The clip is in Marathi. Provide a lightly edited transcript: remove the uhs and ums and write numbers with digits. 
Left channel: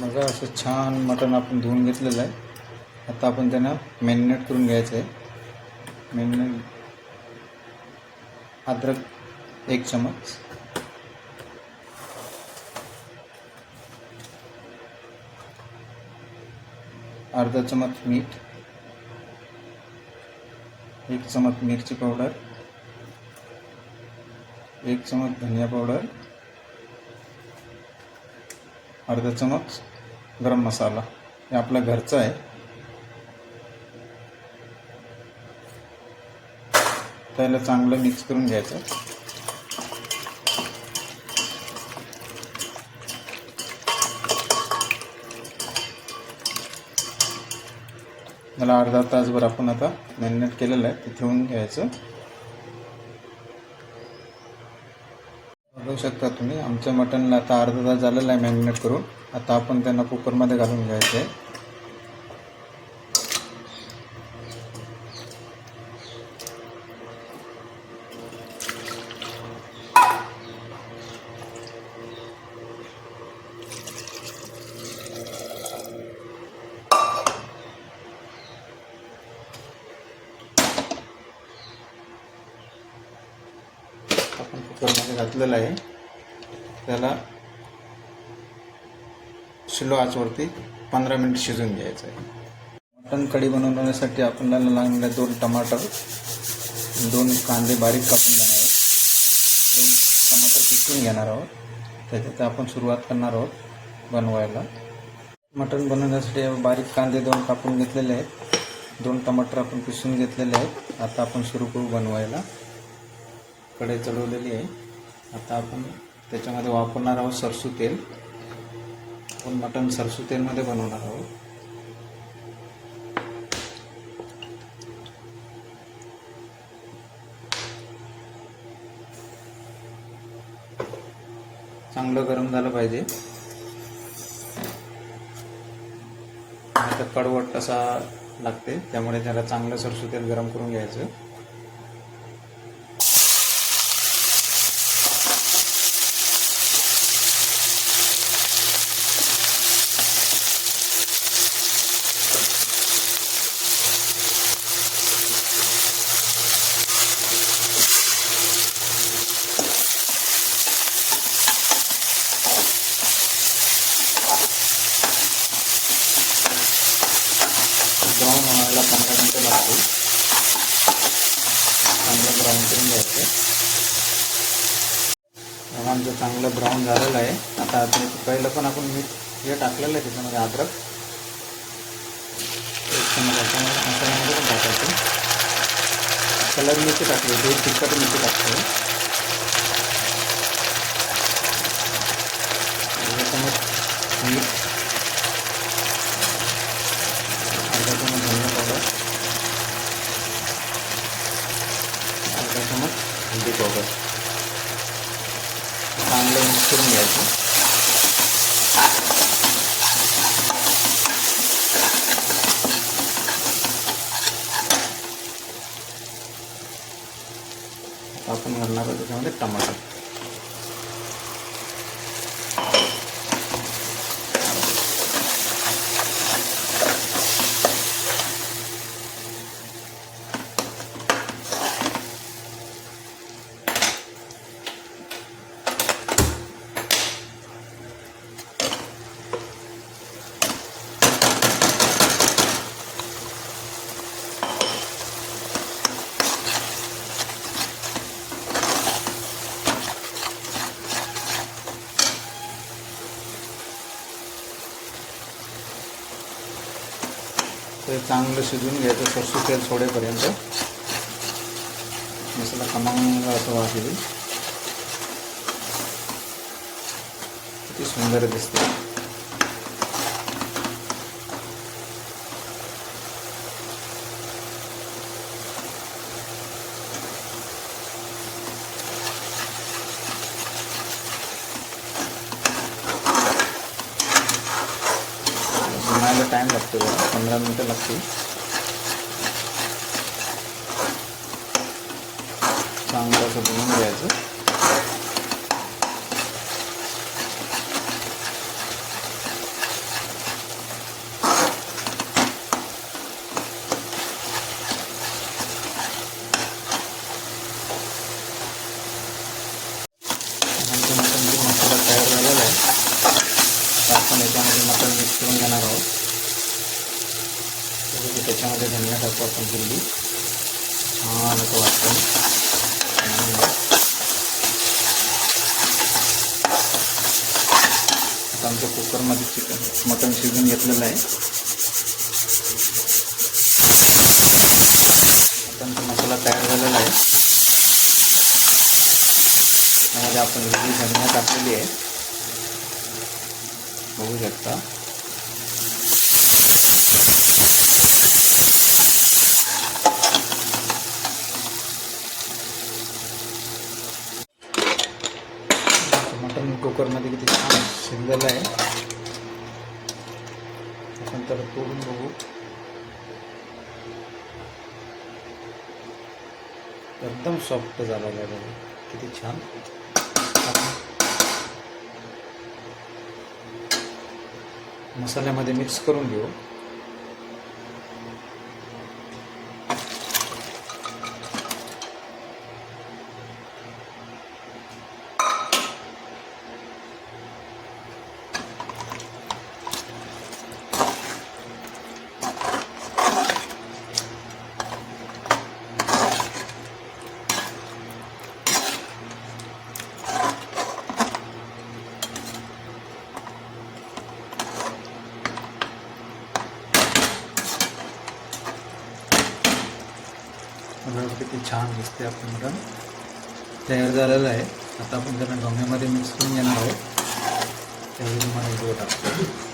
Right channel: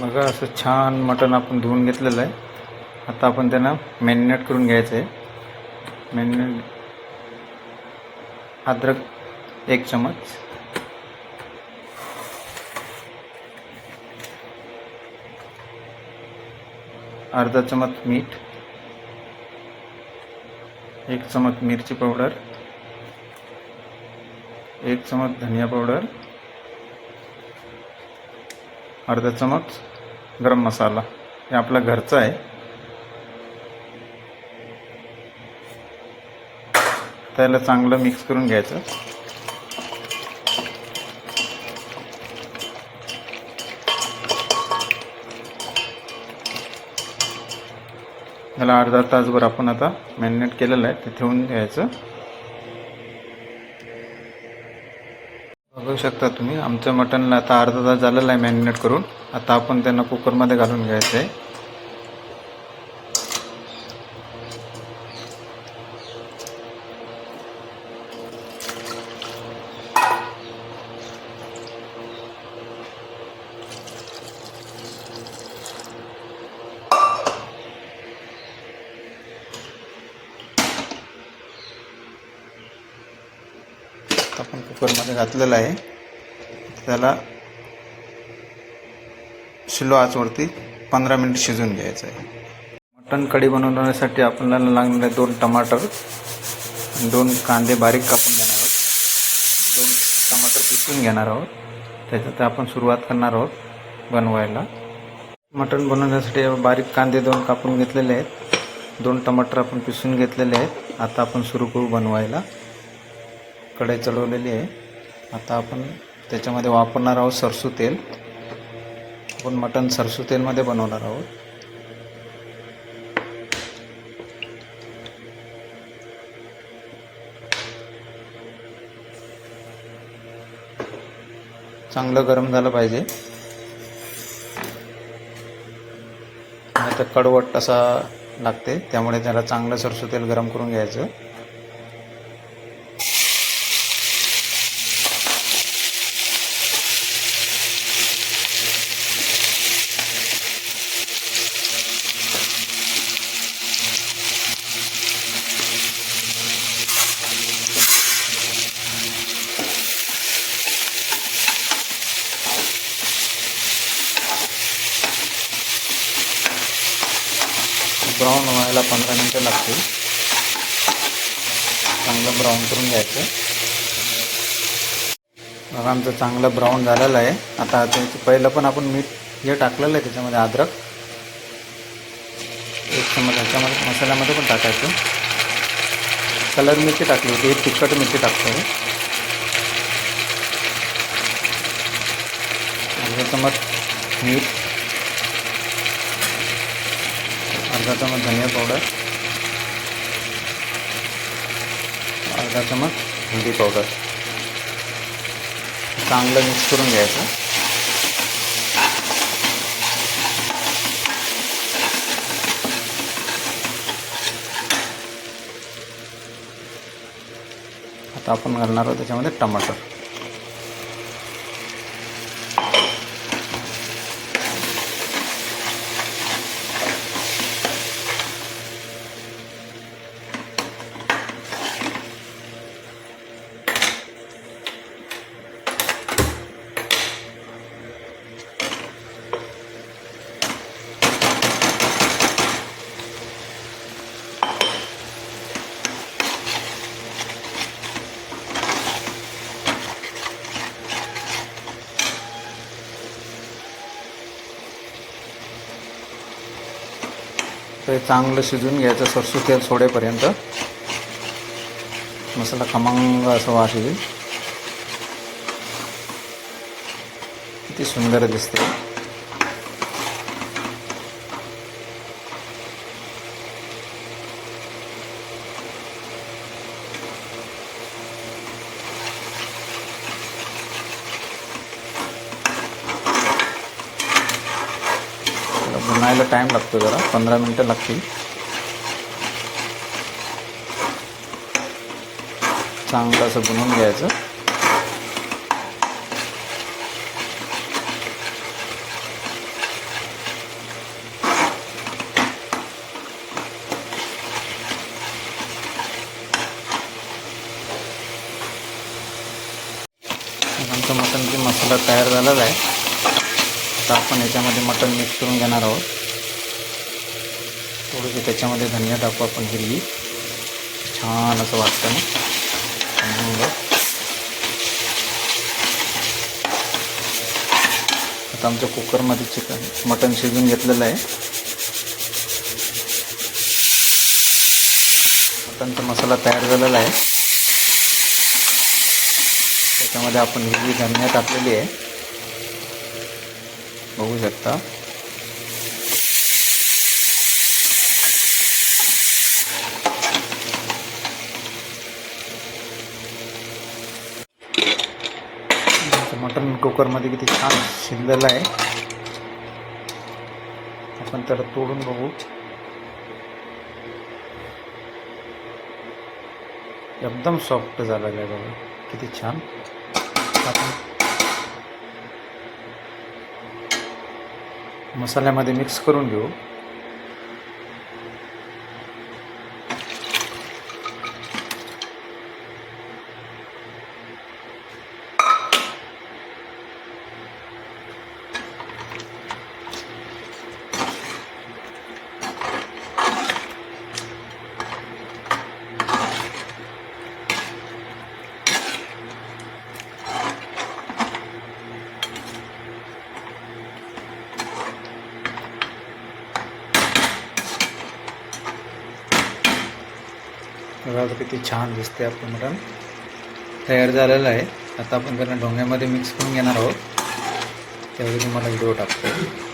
बघा असं छान मटण आपण धुवून घेतलेलं आहे. आता आपण त्यांना मॅरिनेट करून घ्यायचं आहे. मॅरिनेट अद्रक 1 चमच, अर्धा चमच मीठ, 1 चमच मिरची पावडर, 1 चमच धनिया पावडर, अर्धा चमच गरम मसाला. हे आपला घरचा आहे. त्याला चांगलं मिक्स करून घ्यायचं. त्याला अर्धा तासभर आपण आता मॅरिनेट केलेलं आहे ते ठेवून द्यायचं. बघू शकता तुम्ही आमच्या मटनला आता अर्धा तास झालेला आहे मॅरिनेट करून. आता आपण त्यांना कुकरमध्ये घालून घ्यायचं आहे. आपण कुकरमध्ये घातलेलं आहे. त्याला स्लो आचवरती 15 मिनिट शिजवून घ्यायचं आहे. मटण कढी बनवण्यासाठी आपल्याला लागणारे 2 टमाटर, 2 कांदे बारीक कापून घेणार आहोत, 2 टमाटर पिसून घेणार आहोत. त्याच्यात आपण सुरुवात करणार आहोत बनवायला. मटण बनवण्यासाठी बारीक कांदे 2 कापून घेतलेले आहेत, 2 टमाटर आपण पिसून घेतलेले आहेत. आता आपण सुरू करू बनवायला. कढई चढवलेली आहे. आता आपण त्याच्यामध्ये वापरणार आहोत सरसू तेल. आपण मटण सरसू तेलमध्ये बनवणार आहोत. चांगलं गरम झालं पाहिजे. आता कडवट असा लागते, त्यामुळे त्याला चांगलं सरसू तेल गरम करून घ्यायचं. ब्राऊन व्हायला 15 मिनिटं लागतील. चांगलं ब्राऊन करून घ्यायचं. बघा आमचं चांगलं ब्राऊन झालेलं आहे. आता पहिलं पण आपण मीठ हे टाकलेलं आहे, त्याच्यामध्ये अद्रक 1 चमच ह्याच्यामध्ये मसाल्यामध्ये पण टाकायचं. कलर मिरची टाकली होती, तिखट मिरची टाकतो. 1 चमच मीठ, अर्धा चमच धनिया पावडर, अर्धा चमच हळदी पावडर. चांगलं मिक्स करून घ्यायचं. आता आपण घालणार आहोत त्याच्यामध्ये टमाटर. ते चांगलं शिजवून घ्यायचं सरसू तेल सोडेपर्यंत. मसाला खमंग असं वास येईल. किती सुंदर दिसते. बनायला टाईम लागतो, जरा 15 मिनिटं लागतील. चांगलं असं बनवून घ्यायचं. मसाला तयार झालेला आहे. आता आपण याच्यामध्ये मटण मिक्स करून घेणार आहोत. थोडंसं त्याच्यामध्ये धनिया टाकू आपण हिरवी, छान असं वाटतं. आता आमच्या कुकरमध्ये मटण शिजून घेतलेलं आहे. मटणचा मसाला तयार झालेला आहे. त्याच्यामध्ये आपण हिरवी धनिया टाकलेली आहे, बघू शकता. मटण कुकरमध्ये किती छान शिजलेलं आहे. आपण तर तोडून बघू. एकदम सॉफ्ट झालेलं आहे बघा, किती छान. आपण मसाल्यामध्ये मिक्स करून घेऊ. बघा किती छान दिसते. आपलं मटण तयार झालेलं आहे. आता आपण त्याला ढोंग्यामध्ये मिक्स करून घेणार आहोत. त्यावेळी तुम्हाला व्हिडिओ टाकतो.